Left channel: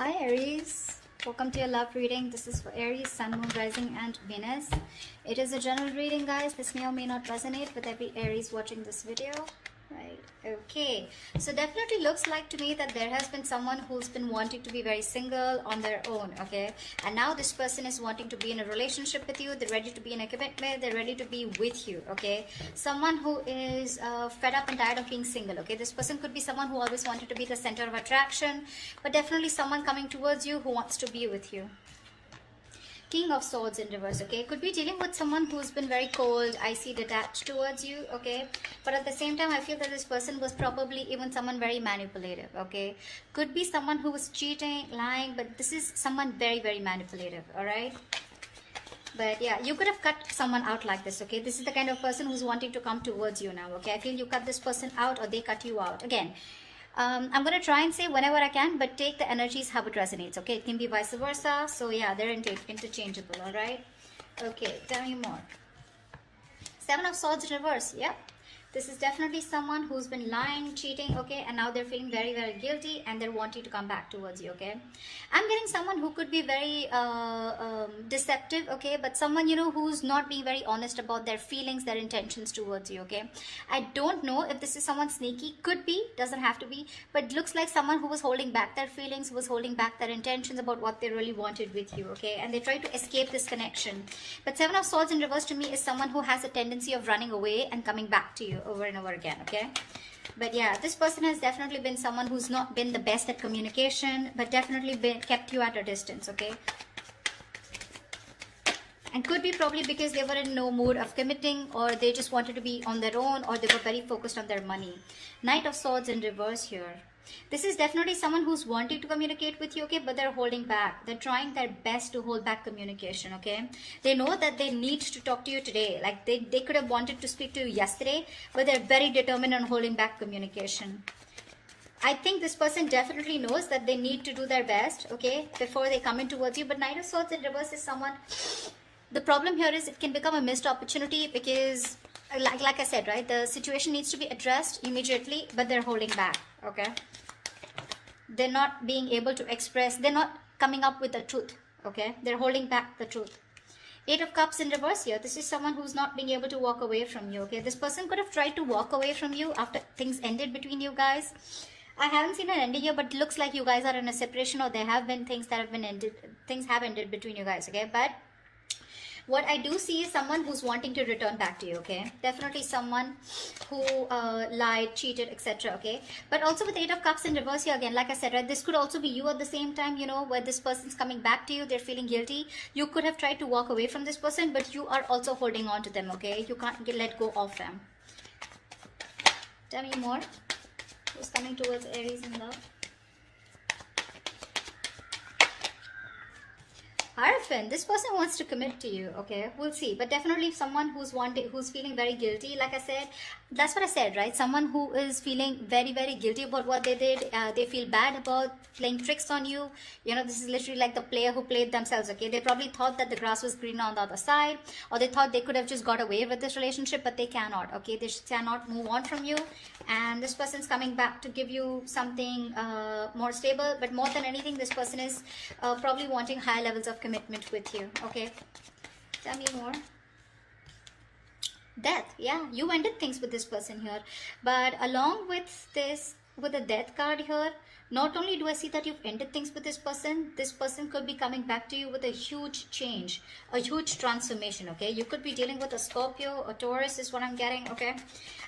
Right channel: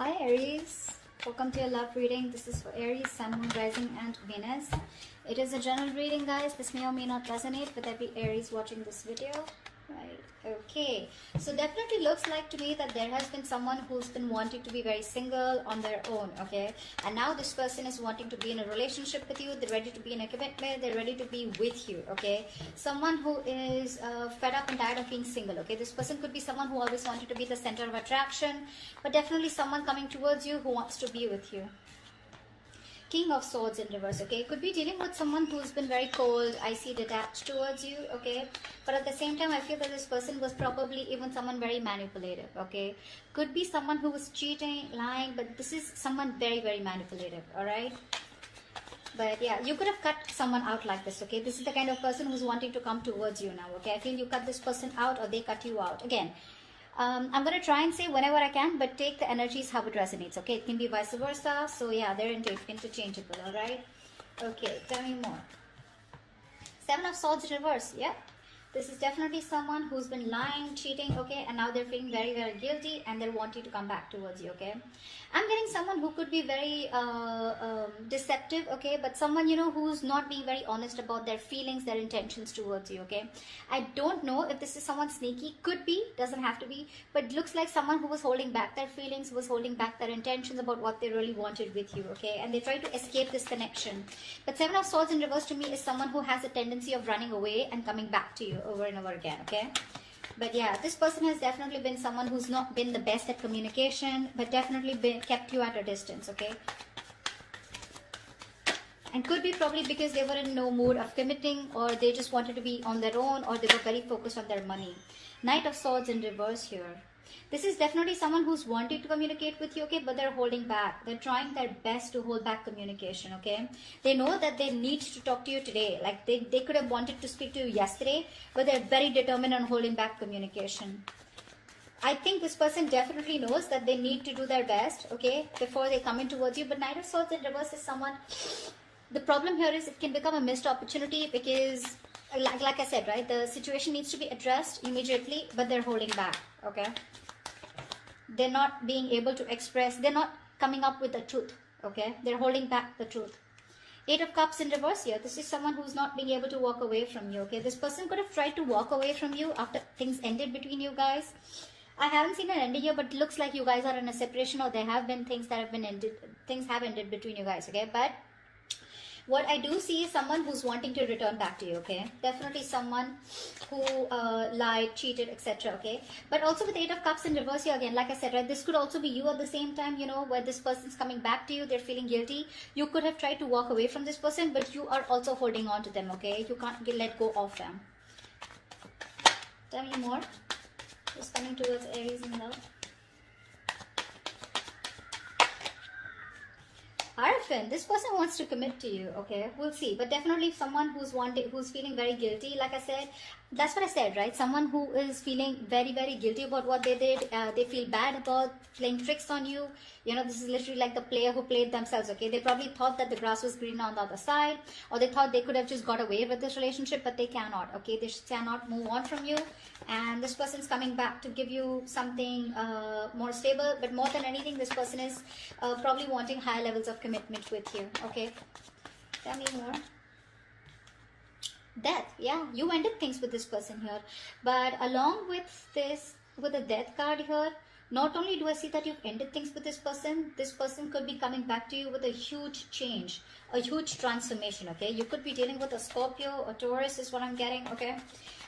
Hi Aries, welcome to your love reading. This is for Aries, Sun, Moon, Rising and Venus. It is a general reading, guys. This may or may not resonate with every Aries watching this video. Right, okay. So definitely looks like to me that there has been someone who's been wanting to be very single on their own, okay? And now this person is wanting to be in a relationship with you. They're ready to be in a commitment. They're ready to be with you, okay? Someone who is fed up and tired of being single, okay? This person could be someone who always wanted to be the center of attraction, but definitely someone coming towards you who wants to be with you. King of Swords in reverse, okay? Could be dealing with someone who's been very cold, icy, detached towards you, okay? But at the same time, I feel that this person was probably even someone very manipulative, okay? Could be someone who was cheating, lying, but this is someone very, very manipulative, all right? But yeah, you could have cut someone out like this, okay? This is the kind of person who's wanting to come towards you now, okay? I feel you cut this person out or they cut you out. Again, I'm going to try and say whenever I can, but take the energies how it resonates, okay? It can be vice versa. So yeah, they're interchangeable, all right? Okay, tell me more. Seven of Swords reverse, yeah. This is definitely someone who's been lying, cheating, okay? And now they're feeling very, very guilty and they're wanting to come back towards you, okay? I'm getting someone who could be very deceptive, okay? But someone, you know, who's not being very honest about their feelings, their intentions towards you, okay? I don't know if this is someone sneaky. Could be, doesn't have to be. But it looks like someone who was holding back their feelings, was holding back their intentions about what they really wanted with you, okay? And they try to escape this connection. But Seven of Swords in reverse to me is someone who has a tendency of running away and coming back to you over and over again, okay? But yeah, this person has definitely been someone who's not been the best at communication, but definitely kept you at a distance, okay? And could be probably because they were in no mood of committing, or they just wanted to be on their own, or they were very focused on their money. Knight of Swords in reverse here. This is definitely someone who's wanting to communicate with you, okay, but they're holding back. They're trying their best to hold back communication, okay? They know that they need to talk to you today. Like they could have wanted to speak to you yesterday, but they're very determined on holding back communication. I think this person definitely knows that they need to do their best, okay, before they come in towards you. But Knight of Swords in reverse is someone... The problem here is it can become a missed opportunity because, like I said, right, the situation needs to be addressed immediately, but they're holding back, okay? They're not being able to express, they're not coming up with the truth, okay? They're holding back the truth. Eight of Cups in reverse here. This is someone who's not being able to walk away from you, okay? This person could have tried to walk away from you after things ended between you guys. I haven't seen an ending here, but it looks like you guys are in a separation, or there have been things that have been ended, things have ended between you guys, okay? But what I do see is someone who's wanting to return back to you, okay? Definitely someone who lied, cheated, etc., okay? But also with Eight of Cups in reverse here again, like I said, right, this could also be you at the same time, you know, where this person's coming back to you, they're feeling guilty. You could have tried to walk away from this person, but you are also holding on to them, okay? You can't let go of them. Tell me more. Who's coming towards Aries in love? Hierophant, this person wants to commit to you, okay? We'll see. But definitely someone who's feeling very guilty, like I said. That's what I said, right? Someone who is feeling very, very guilty about what they did. They feel bad about playing tricks on you. You know, this is literally like the player who played themselves, okay? They probably thought that the grass was greener on the other side, or they thought they could have just got away with this relationship, but they cannot, okay? They cannot move on from you. And this person's coming back to give you something more stable. But more than anything, this person is probably wanting high levels of commitment with you, okay? Tell me more. Death, yeah, you ended things with this person here. But along with this, with the Death card here, not only do I see that you've ended things with this person could be coming back to you with a huge change, a huge transformation, okay? You could be dealing with a Scorpio or Taurus is what I'm getting, okay?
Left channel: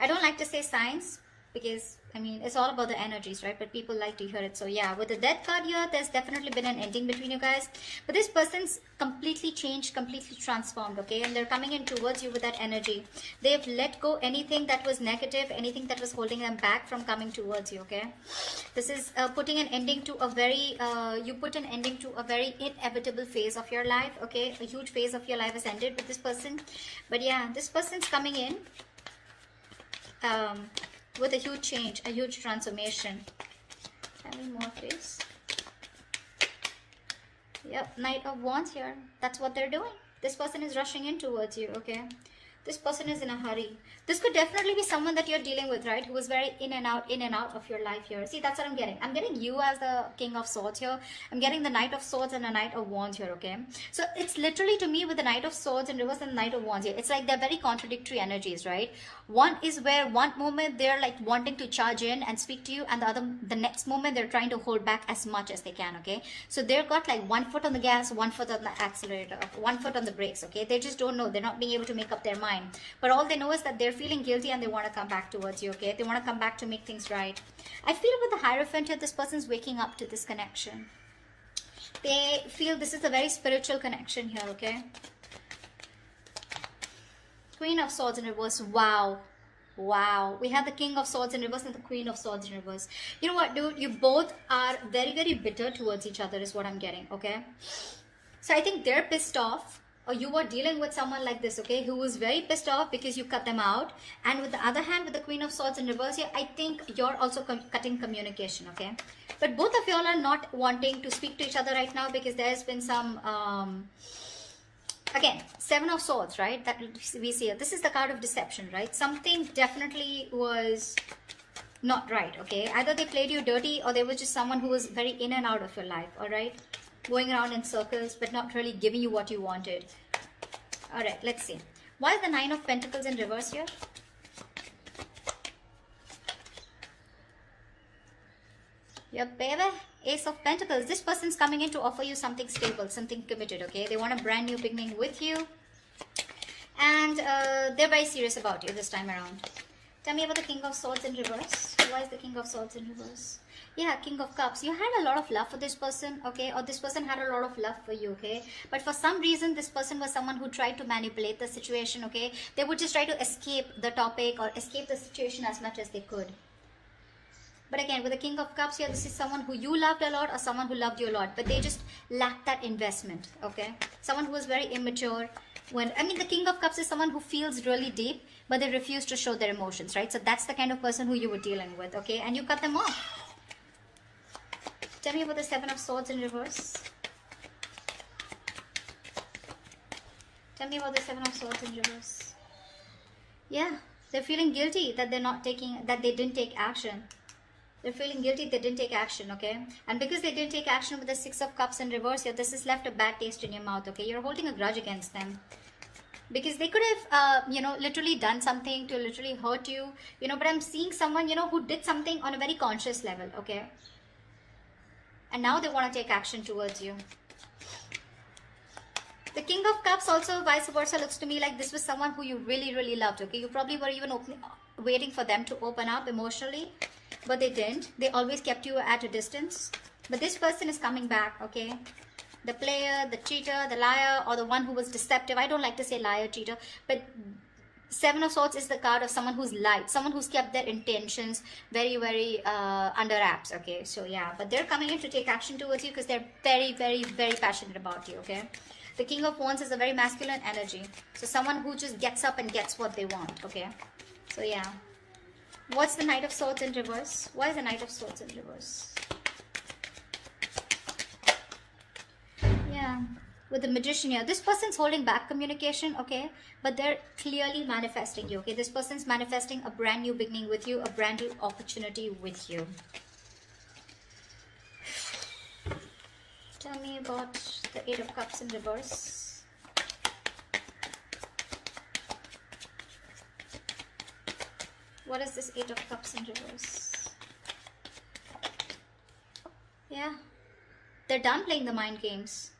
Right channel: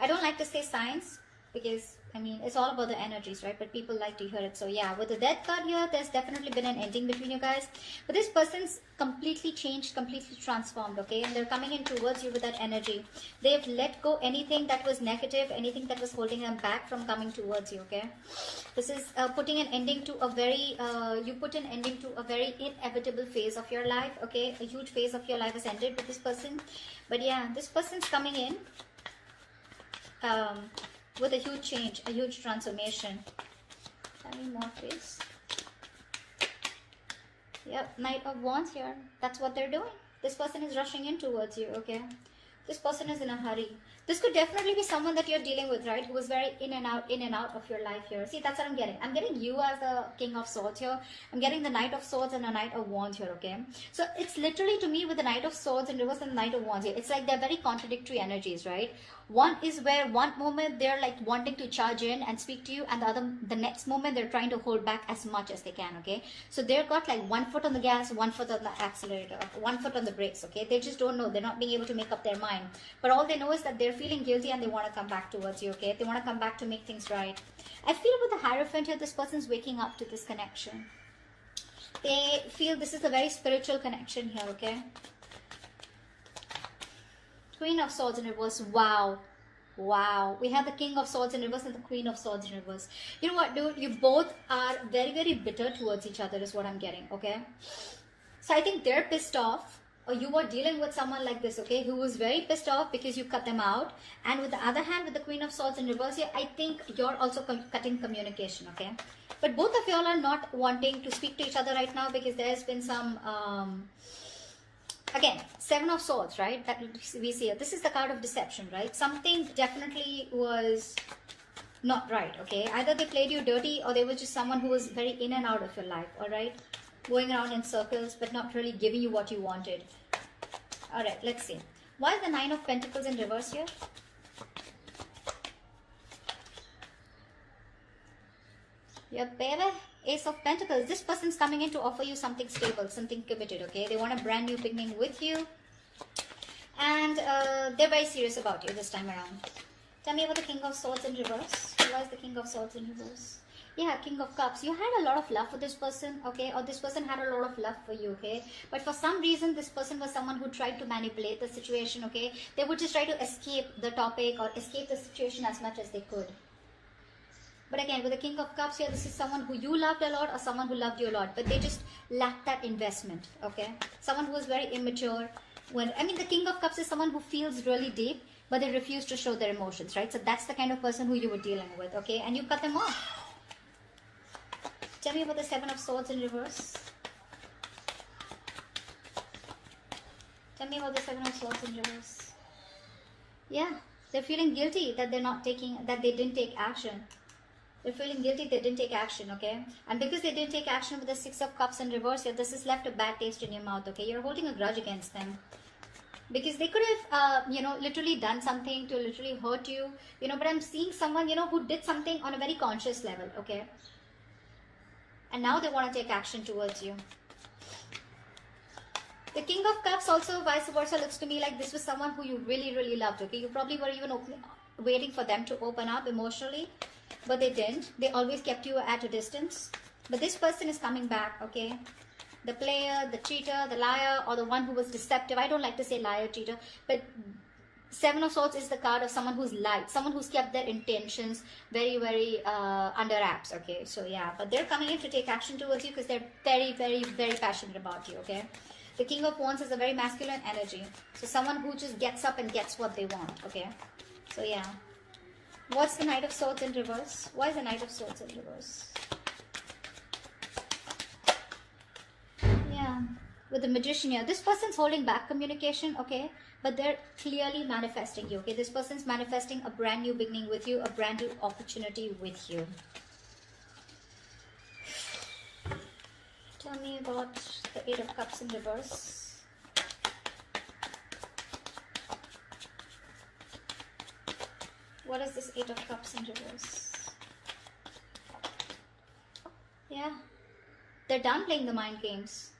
I don't like to say signs because, I mean, it's all about the energies, right? But people like to hear it. So yeah, with the Death card here, there's definitely been an ending between you guys. But this person's completely changed, completely transformed, okay? And they're coming in towards you with that energy. They've let go anything that was negative, anything that was holding them back from coming towards you, okay? This is putting an ending to a very, you put an ending to a very inevitable phase of your life, okay? A huge phase of your life is ended with this person. But yeah, this person's coming in with a huge change, a huge transformation. Tell me more, please. Yep, Knight of Wands here. That's what they're doing. This person is rushing in towards you, okay? This person is in a hurry. This could definitely be someone that you're dealing with, right? Who is very in and out of your life here. See, that's what I'm getting. I'm getting you as the King of Swords here. I'm getting the Knight of Swords and the Knight of Wands here, okay? So it's literally to me with the Knight of Swords in reverse and the Knight of Wands here. It's like they're very contradictory energies, right? One is where one moment they're like wanting to charge in and speak to you, and the next moment they're trying to hold back as much as they can, okay? So they've got like 1 foot on the gas, 1 foot on the accelerator, 1 foot on the brakes, okay? They just don't know. They're not being able to make up their mind. But all they know is that they're feeling guilty and they want to come back towards you, okay? They want to come back to make things right. I feel with the Hierophant here, this person's waking up to this connection. They feel this is a very spiritual connection here, okay? Queen of Swords in reverse. Wow. Wow. We have the King of Swords in reverse and the Queen of Swords in reverse. You know what, dude? You both are very, very bitter towards each other is what I'm getting, okay? So I think they're pissed off, or you are dealing with someone like this, okay, who is very pissed off because you cut them out. And with the other hand, with the Queen of Swords in reverse here, I think you're also cutting communication, okay? But both of y'all are not wanting to speak to each other right now because there's been some... Again, 7 of Swords, right? That we see. This is the card of deception, right? Something definitely was not right, okay? Either they played you dirty or they were just someone who was very in and out of your life, all right? Going around in circles but not really giving you what you wanted. All right, let's see. Why is the 9 of Pentacles in reverse here? Yep, baby. Ace of Pentacles. This person's coming in to offer you something stable, something committed, okay? They want a brand new beginning with you. And they're very serious about you this time around. Tell me about the King of Swords in reverse. Why is the King of Swords in reverse? Yeah, King of Cups. You had a lot of love for this person, okay? Or this person had a lot of love for you, okay? But for some reason, this person was someone who tried to manipulate the situation, okay? They would just try to escape the topic or escape the situation as much as they could. But again, with the King of Cups here, this is someone who you loved a lot or someone who loved you a lot. But they just lacked that investment, okay? Someone who is very immature. The King of Cups is someone who feels really deep, but they refuse to show their emotions, right? So that's the kind of person who you were dealing with, okay? And you cut them off. Tell me about the 7 of Swords in reverse. Tell me about the 7 of Swords in reverse. Yeah, they're feeling guilty that they didn't take action. They're feeling guilty they didn't take action, okay? And because they didn't take action with the 6 of Cups in reverse here, this has left a bad taste in your mouth, okay? You're holding a grudge against them. Because they could have, literally done something to literally hurt you, but I'm seeing someone, who did something on a very conscious level, okay? And now they want to take action towards you. The King of Cups also, vice versa, looks to me like this was someone who you really, really loved, okay? You probably were even waiting for them to open up emotionally, but they didn't. They always kept you at a distance. But this person is coming back, okay? The player, the cheater, the liar, or the one who was deceptive. I don't like to say liar, cheater, but 7 of Swords is the card of someone who's lied, someone who's kept their intentions very, very under wraps, okay? So yeah, but they're coming in to take action towards you because they're very, very, very passionate about you, okay? The King of Wands is a very masculine energy. So someone who just gets up and gets what they want, okay? So yeah. What's the Knight of Swords in reverse? Why is the Knight of Swords in reverse? Yeah. With the Magician here, this person's holding back communication, okay? But they're clearly manifesting you, okay? This person's manifesting a brand new beginning with you, a brand new opportunity with you. Tell me about the 8 of Cups in reverse. What is this 8 of Cups in reverse? Yeah. They're done playing the mind games.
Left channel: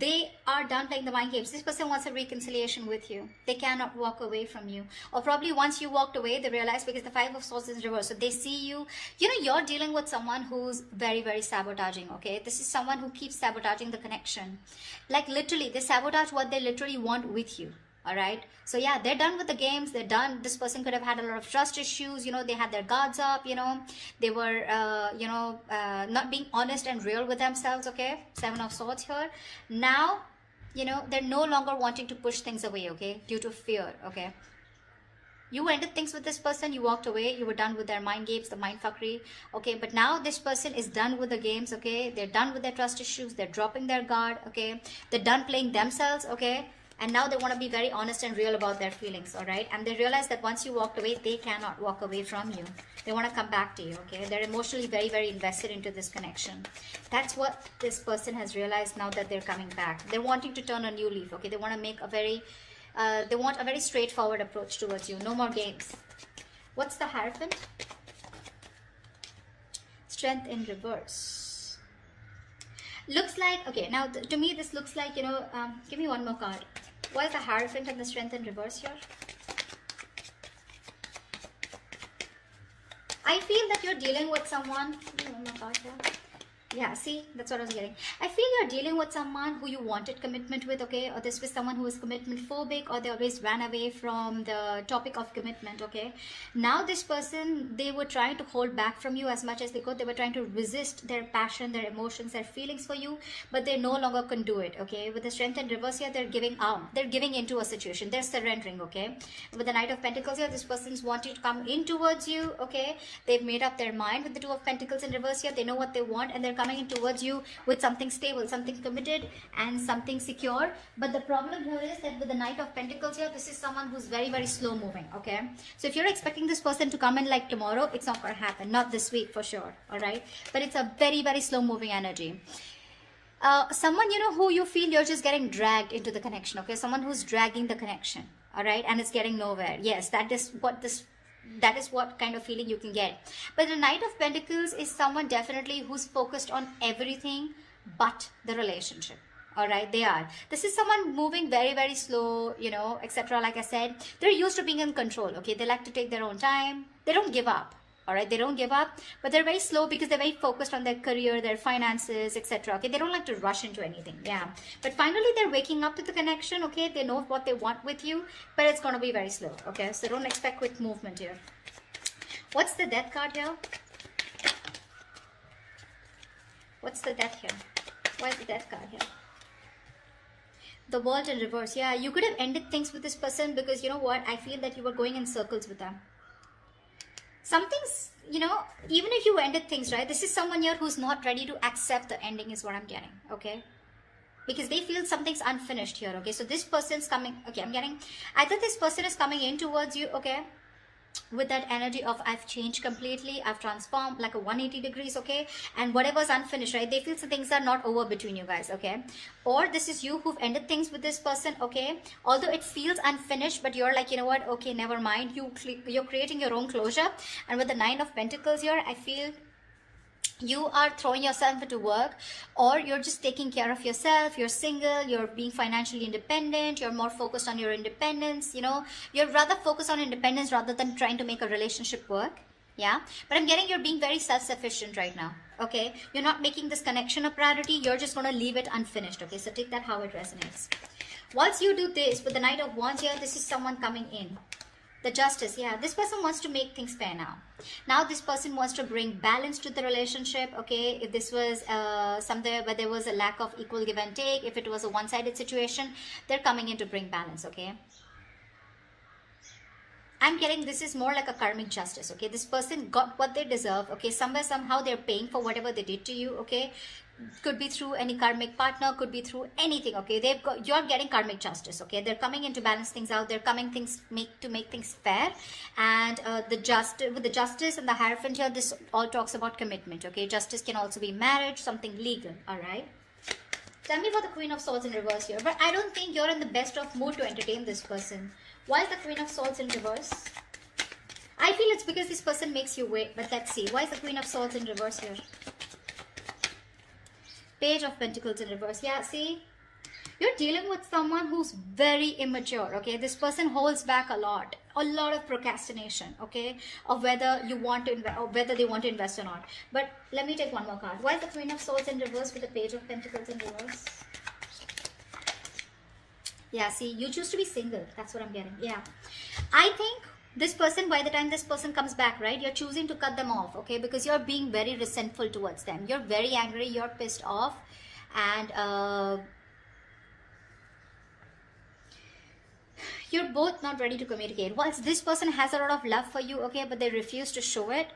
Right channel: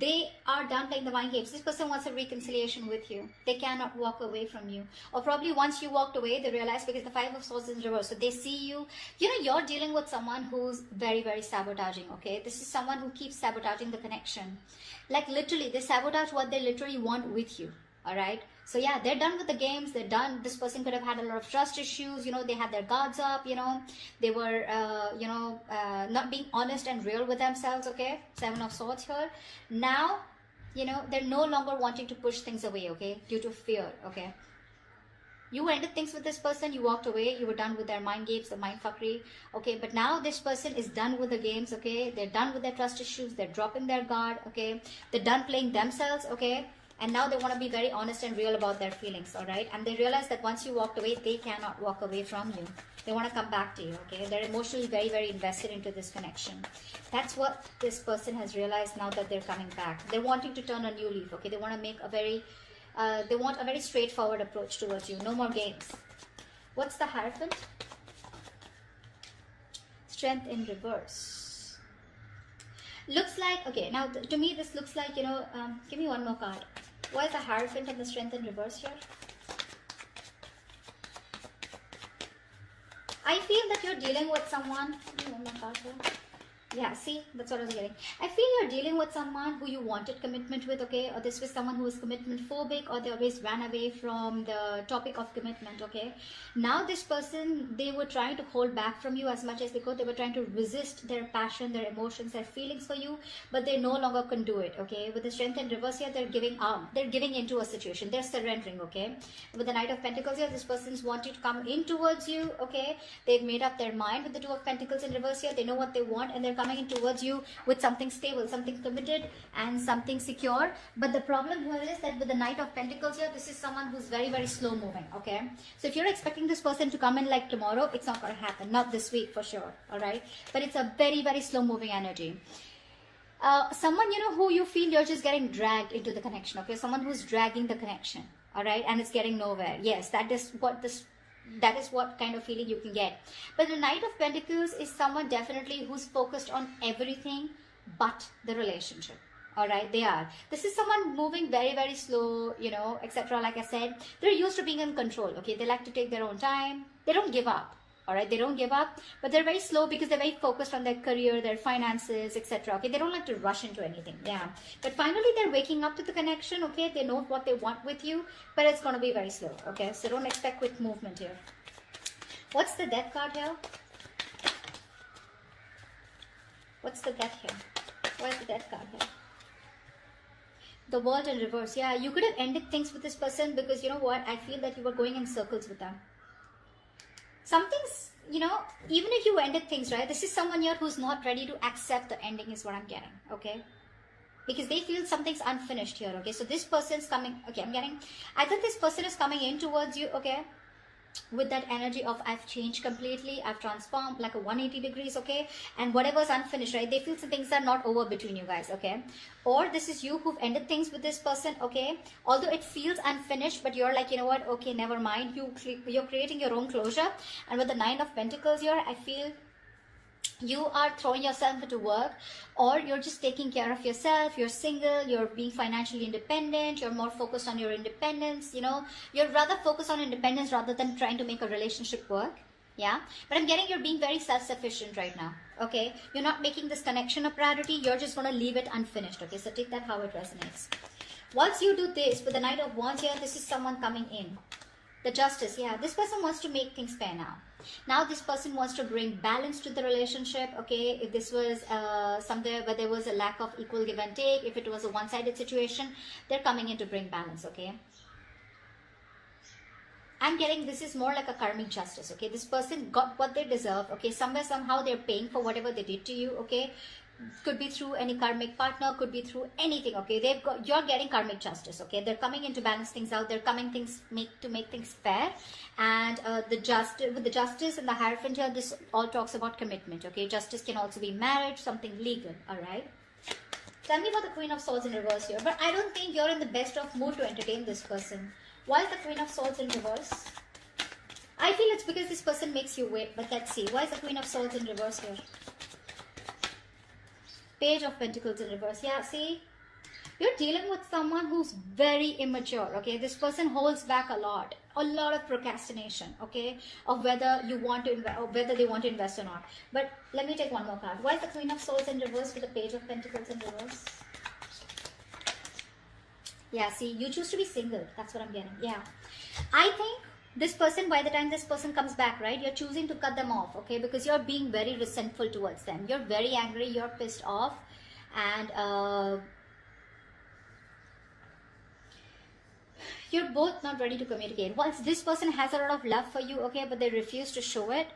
They are done playing the mind games. This person wants a reconciliation with you. They cannot walk away from you. Or probably once you walked away, they realize because the 5 of Swords is reversed. So they see you. You're dealing with someone who's very, very sabotaging, okay? This is someone who keeps sabotaging the connection. Like literally, they sabotage what they literally want with you. Alright, so yeah, they're done with the games, they're done. This person could have had a lot of trust issues, they had their guards up, they were, not being honest and real with themselves, okay? 7 of Swords here. Now, they're no longer wanting to push things away, okay? Due to fear, okay? You ended things with this person, you walked away, you were done with their mind games, the mind fuckery, okay? But now this person is done with the games, okay? They're done with their trust issues, they're dropping their guard, okay? They're done playing themselves, okay? And now they want to be very honest and real about their feelings, all right? And they realize that once you walked away, they cannot walk away from you. They want to come back to you, okay? They're emotionally very, very invested into this connection. That's what this person has realized now that they're coming back. They're wanting to turn a new leaf, okay? They want to make a very, they want a very straightforward approach towards you. No more games. What's the Hierophant? Strength in reverse. Looks like, okay, now to me this looks like, you know, give me one more card. What is the Hierophant and the Strength in reverse here? I feel that you're dealing with someone. Give me one more card here. Yeah, see, that's what I was getting. I feel you're dealing with someone who you wanted commitment with, okay? Or this was someone who was commitment phobic, or they always ran away from the topic of commitment, okay? Now this person, they were trying to hold back from you as much as they could. They were trying to resist their passion, their emotions, their feelings for you, but they no longer can do it, okay? With the Strength in reverse here, they're giving out. They're giving into a situation. They're surrendering, okay? With the Knight of Pentacles here, this person's wanting to come in towards you, okay? They've made up their mind. With the Two of Pentacles in reverse here, they know what they want, and they're coming in towards you with something stable, something committed, and something secure. But the problem here is that with the Knight of Pentacles here, this is someone who's very, very slow moving, okay? So if you're expecting this person to come in like tomorrow, it's not going to happen. Not this week for sure, all right? But it's a very, very slow moving energy. Someone, you know, who you feel you're just getting dragged into the connection, okay? Someone who's dragging the connection, all right? And it's getting nowhere. Yes, that is what kind of feeling you can get. But the Knight of Pentacles is someone definitely who's focused on everything but the relationship. All right, they are. This is someone moving very, very slow, you know, etc. Like I said, they're used to being in control, okay? They like to take their own time. They don't give up. All right, they don't give up, but they're very slow because they're very focused on their career, their finances, etc. Okay, they don't like to rush into anything. Yeah, but finally they're waking up to the connection. Okay, they know what they want with you, but it's going to be very slow. Okay, so don't expect quick movement here. What's the Death card here? What's the Death here? Where's the Death card here? The World in reverse. Yeah, you could have ended things with this person because you know what? I feel that you were going in circles with them. Something's, you know, even if you ended things, right? This is someone here who's not ready to accept the ending is what I'm getting, okay? Because they feel something's unfinished here, okay? So this person's coming, okay, I'm getting, either this person is coming in towards you, okay? With that energy of I've changed completely, I've transformed like a 180 degrees, okay? And whatever's unfinished, right? They feel some things are not over between you guys, okay? Or this is you who've ended things with this person, okay? Although it feels unfinished, but you're like, you know what? Okay, never mind. You're creating your own closure. And with the Nine of Pentacles here, I feel you are throwing yourself into work, or you're just taking care of yourself. You're single, you're being financially independent, you're more focused on your independence, you know, you're rather focused on independence rather than trying to make a relationship work. Yeah, but I'm getting you're being very self-sufficient right now, okay? You're not making this connection a priority. You're just going to leave it unfinished, okay? So take that how it resonates. Once you do this with the Knight of Wands here, this is someone coming in. The Justice, yeah, this person wants to make things fair now. Now this person wants to bring balance to the relationship, okay? If this was somewhere where there was a lack of equal give and take, if it was a one-sided situation, they're coming in to bring balance, okay? I'm getting this is more like a karmic justice, okay? This person got what they deserve, okay? Somewhere, somehow they're paying for whatever they did to you, okay? Could be through any karmic partner, could be through anything, okay? You're getting karmic justice, okay? They're coming in to balance things out. They're coming to make things fair. And with the Justice and the Hierophant here, this all talks about commitment, okay? Justice can also be marriage, something legal, all right? Tell me about the Queen of Swords in reverse here. But I don't think you're in the best of mood to entertain this person. Why is the Queen of Swords in reverse? I feel it's because this person makes you wait, but let's see. Why is the Queen of Swords in reverse here? Page of Pentacles in reverse. Yeah, see? You're dealing with someone who's very immature, okay? This person holds back a lot of procrastination, okay? Of whether you want to invest, or whether they want to invest or not. But let me take one more card. Why is the Queen of Swords in reverse with the Page of Pentacles in reverse? Yeah, see, you choose to be single. That's what I'm getting. Yeah. I think this person, by the time this person comes back, right, you're choosing to cut them off, okay? Because you're being very resentful towards them. You're very angry. You're pissed off. And you're both not ready to communicate. Whilst this person has a lot of love for you, okay, but they refuse to show it.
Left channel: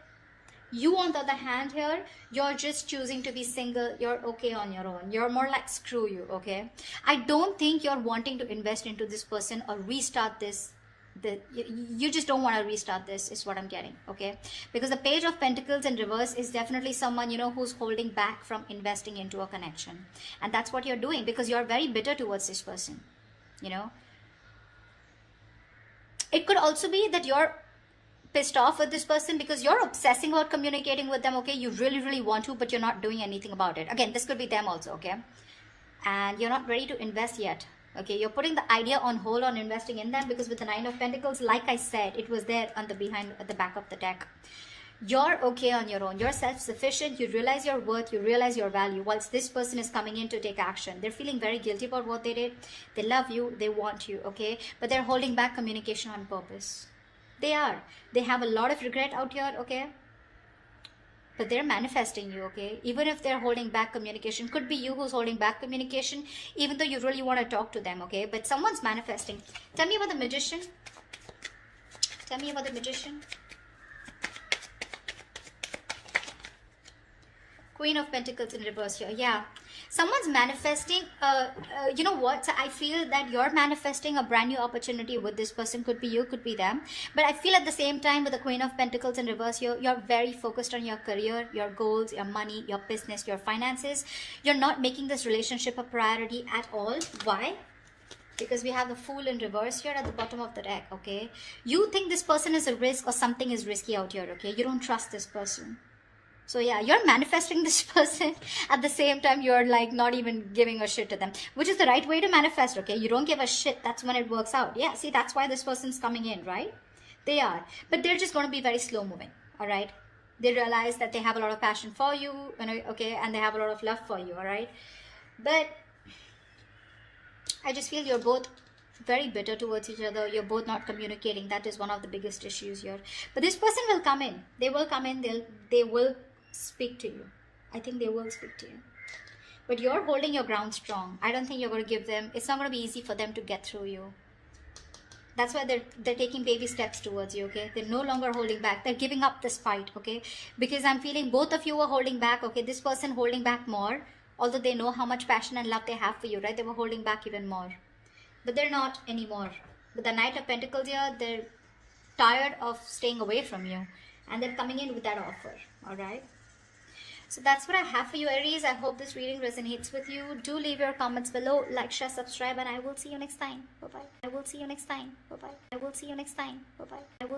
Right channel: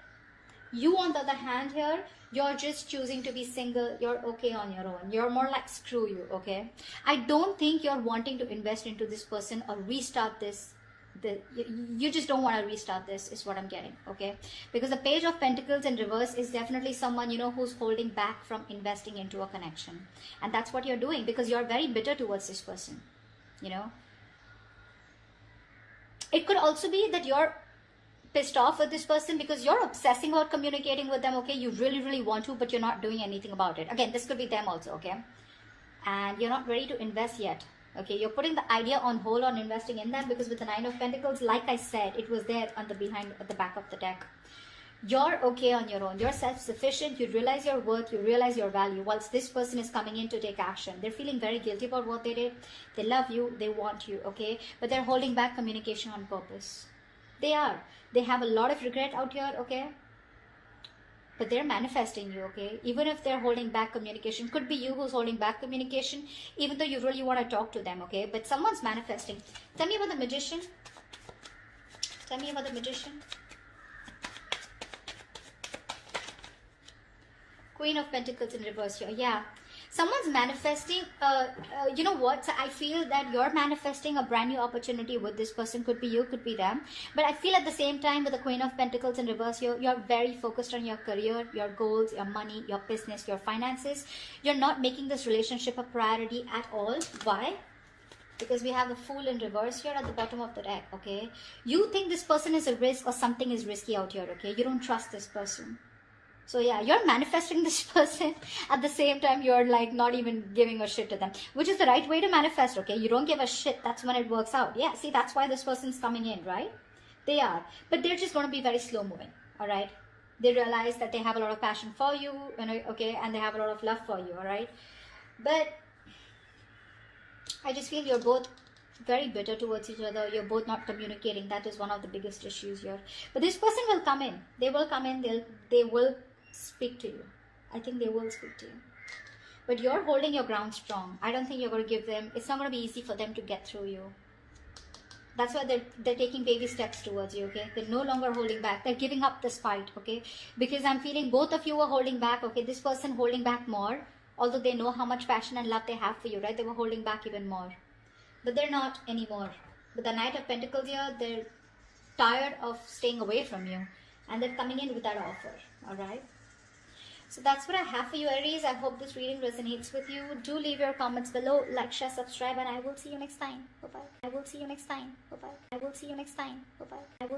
You, on the other hand, here, you're just choosing to be single. You're okay on your own. You're more like, screw you, okay? I don't think you're wanting to invest into this person or restart this. You just don't want to restart this, is what I'm getting, okay? Because the Page of Pentacles in reverse is definitely someone, you know, who's holding back from investing into a connection. And that's what you're doing, because you're very bitter towards this person, you know? It could also be that you're pissed off with this person because you're obsessing about communicating with them, okay? You really, really want to, but you're not doing anything about it. Again, this could be them also, okay? And you're not ready to invest yet, okay? You're putting the idea on hold on investing in them, because with the Nine of Pentacles, like I said, it was there on the at the back of the deck. You're okay on your own. You're self-sufficient. You realize your worth. You realize your value. Once this person is coming in to take action, they're feeling very guilty about what they did. They love you. They want you, okay? But they're holding back communication on purpose. They are. They have a lot of regret out here, okay? But they're manifesting you, okay? Even if they're holding back communication, could be you who's holding back communication, even though you really want to talk to them, okay? But someone's manifesting. Tell me about the Magician. Tell me about the Magician. Queen of Pentacles in reverse here. Yeah. Someone's manifesting, you know what? So I feel that you're manifesting a brand new opportunity with this person. Could be you, could be them. But I feel at the same time with the Queen of Pentacles in reverse here, you're very focused on your career, your goals, your money, your business, your finances. You're not making this relationship a priority at all. Why? Because we have the Fool in reverse here at the bottom of the deck, okay? You think this person is a risk or something is risky out here, okay? You don't trust this person. So yeah, you're manifesting this person. At the same time, you're like not even giving a shit to them, which is the right way to manifest, okay? You don't give a shit. That's when it works out. Yeah, see, that's why this person's coming in, right? They are. But they're just going to be very slow moving, all right? They realize that they have a lot of passion for you, okay? And they have a lot of love for you, all right? But I just feel you're both very bitter towards each other. You're both not communicating. That is one of the biggest issues here. But this person will come in. They will come in. They will speak to you. I think they will speak to you. But you're holding your ground strong. I don't think you're going to give them, it's not going to be easy for them to get through you. That's why they're taking baby steps towards you, okay? They're no longer holding back. They're giving up this fight, okay? Because I'm feeling both of you are holding back, okay? This person holding back more, although they know how much passion and love they have for you, right? They were holding back even more. But they're not anymore. With the Knight of Pentacles here, they're tired of staying away from you. And they're coming in with that offer, alright? So that's what I have for you, Aries. I hope this reading resonates with you. Do leave your comments below, like, share, subscribe, and I will see you next time. Bye-bye. I will see you next time. Bye-bye. I will see you next time. Bye-bye. I will